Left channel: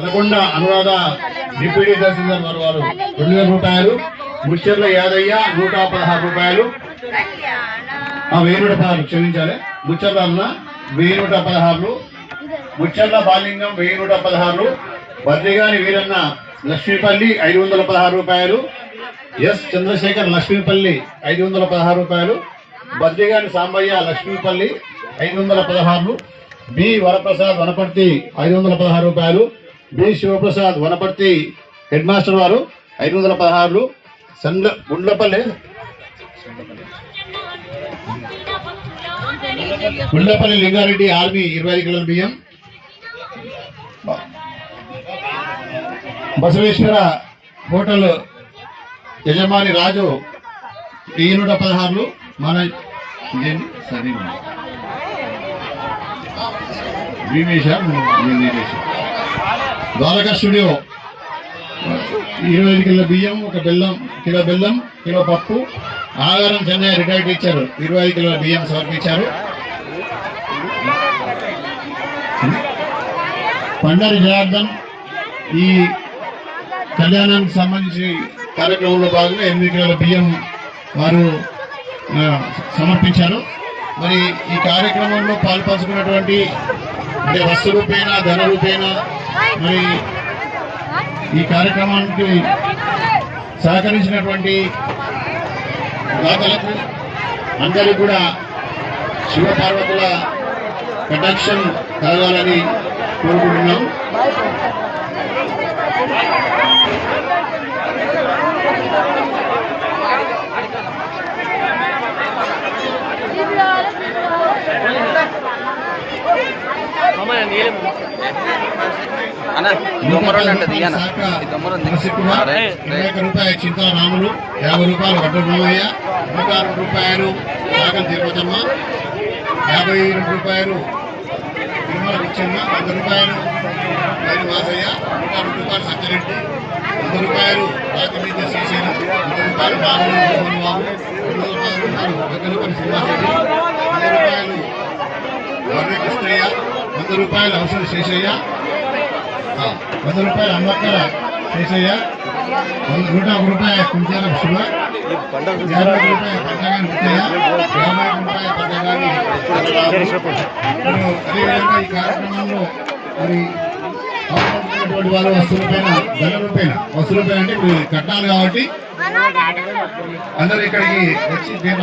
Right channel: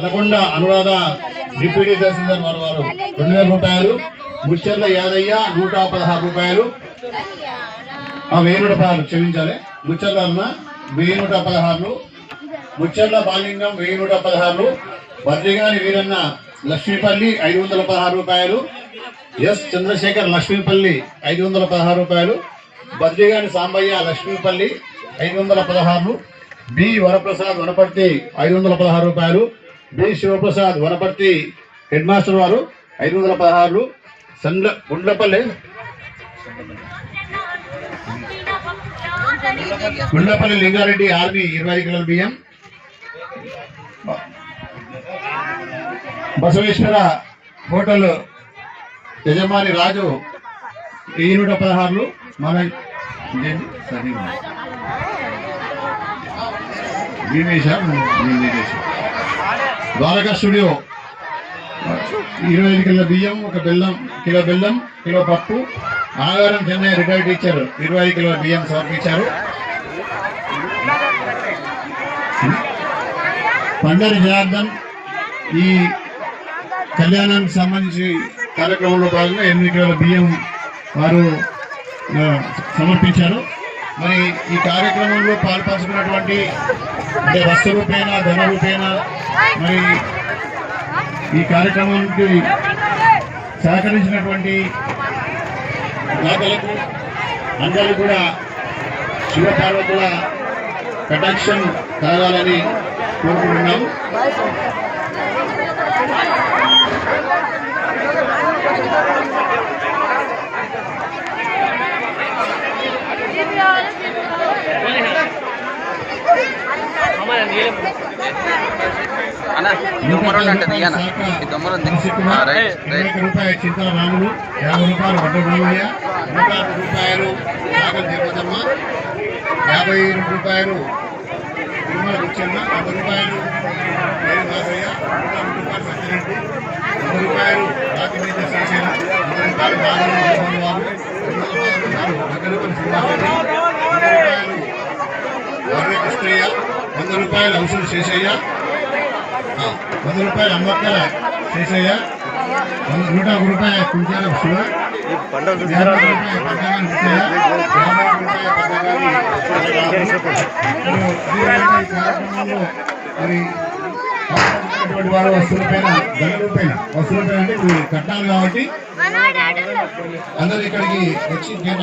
Anaconda Anuradha deputy తహసీల్దార్ వారు వారు రెండు వేల రూపాయలు ముచ్చర్ల యాదయ్య నూట పదహారు రూపాయలు. ఆ వెయ్యి నూట పదహారు క్షమించాలి. ముచ్చర్ల అన్న వెయ్యి నూట పదహారు ముచ్చర్ల బాలింగం వెయ్యి నూట పదహారు బద్రిగాని వీరన్న లక్ష్మీపల్లి ఐదు వందల పదహారు రూపాయలు ఎస్ చంద్రశేఖర్ లక్ష్మీపల్లి ఐదు వందల పదహారు రూపాయలు బద్రిగాని సాంబయ్య లక్ష్మీపల్లి ఐదు వందల పదహారు బి వరప్రసాద్ వనపర్తి ఐదు వందల పదహారు రూపాయలు B. Sivaprasad Wanaparthy head master వారు ఐదు వందల పదహారు సండ్ల గుండ్లపల్లి. గుండ్లపల్లి లింగారెడ్డి ఆర్మీ ఇరవై ఐదు కిలోల బియ్యం. బసవేశ్వర హోటల్ యజమాని రాజు ఈ నూట పదహారులు. మన సరే భీమేశ ద్వారకా స్టూడియో. ఇరవై ఐదు కిలో బియ్యం ఒక బెల్లం కిలో బెల్లం కిలో పప్పు. ఆగారం చెన్నై రిటైర్డ్ టీచర్ ఇరవై ఐదు కిలోల బియ్యం సమర్పించారు పండరి జనార్దన్ ఈ కళ్యాణానికి సంబంధించి కార్యక్రమంలో భాగంగా ఎనిమిది కిలోల బియ్యం వారు సమర్పించారు. మరి ఈ కార్యక్రమంలో పాల్పంచుకున్నటువంటి అంటే వస్తు రూపేణ ధన రూపేణ మరి ఈ కార్యక్రమానికి సహకరించినటువంటి దాతలకు అందరూ కూడా శివపార్వతుల ప్రొటక్షన్ కలగాలని కోరుకుంటున్నాను. రూపాయలు చింతల యాభై రూపాయలు వడ్డ నూట రూపాయలు నాగల్ తిరుపతమ్మ యాభై రూపాయలు తిరుమల ఇచ్చింది వంద రూపాయలు నేను వాసయ్య నూట రూపాయలు సత్యరెడ్డి వంద రూపాయలు రాజనీతి శ్రీశైల వంద రూపాయలు బాబు మోహన్ బాబు రెండు రూపాయలు వంద శ్రీనివాసరెడ్డి వంద రూపాయలు వర్ర కృష్ణయ్య వంద రూపాయలు అవసరం శేషయ్య వంద రూపాయలు అమ్మక్కల శేషయ్య నూట ఒక రూపాయ కుంటాల శివ. యాభై అదేవిధంగా ఈ కార్యక్రమంలో మరి పాల్గొంటున్నటువంటి వారు అంటే ఇప్పుడు కట్టాలి కాబట్టి అందరూ ఇక్కడికి వచ్చి నేను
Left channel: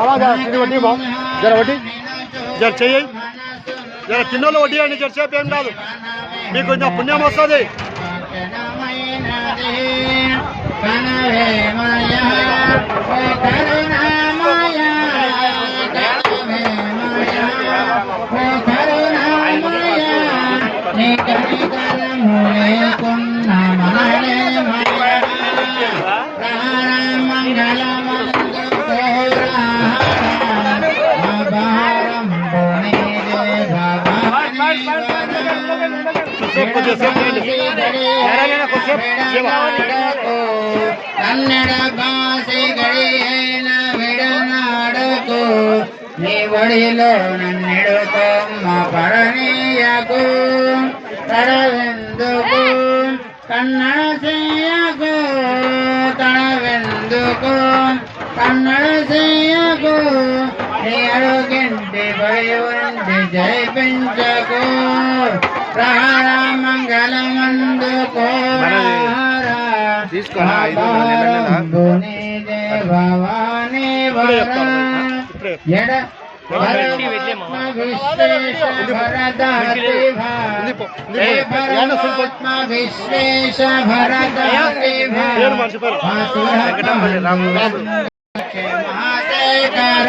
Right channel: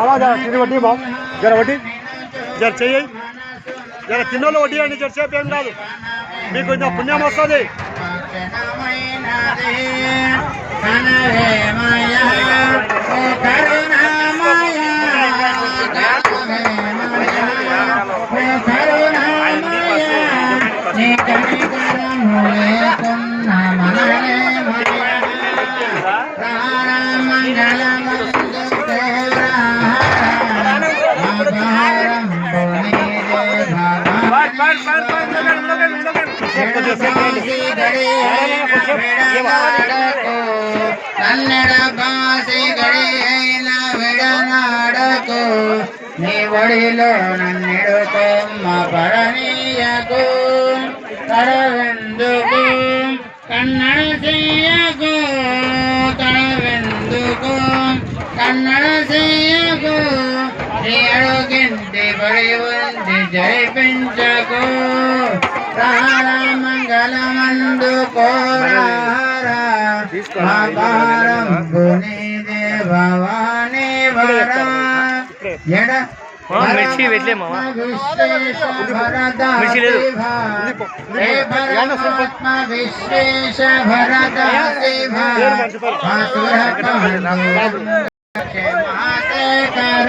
బాబా జర కింద వడ్డీ బా జర వడ్డీ జర చెయ్యి జర చిన్నోళ్ళు వడ్డీ అండి జర సేపు ఏం కాదు మీకు కొంచెం పుణ్యం వస్తుంది Thank you. ಕನ್ನಡ ಭಾಷೆಗಳೇ ಬಿಡನಾಡಕು ನೀ ಒಡಿಲು ನನ್ನಿಡುತ್ತಮ್ಮ ಪರನೀಯಕು ತಡವೆಂದುಕು ಕನ್ನಡ ಸೇಯಕು ತಡವೆಂದುಕು ಕನ್ನಡ ಸೇಯಕು ఏడు గంటే పడివంది జై పెంచకు ప్రహర మంగళమందు కోరారం పుని దేవవాణి వర. ఎడ? విశ్వేశ భరత మహాశయకర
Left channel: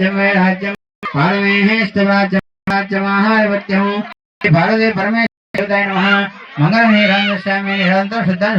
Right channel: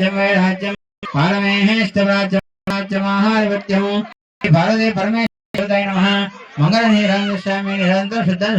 राज्यम। परमेश्वराज्यमाहारवत्यं भारते परमेश्वराय नमः। मङ्गलनिरां यस्यामि निरन्तर सिद्धं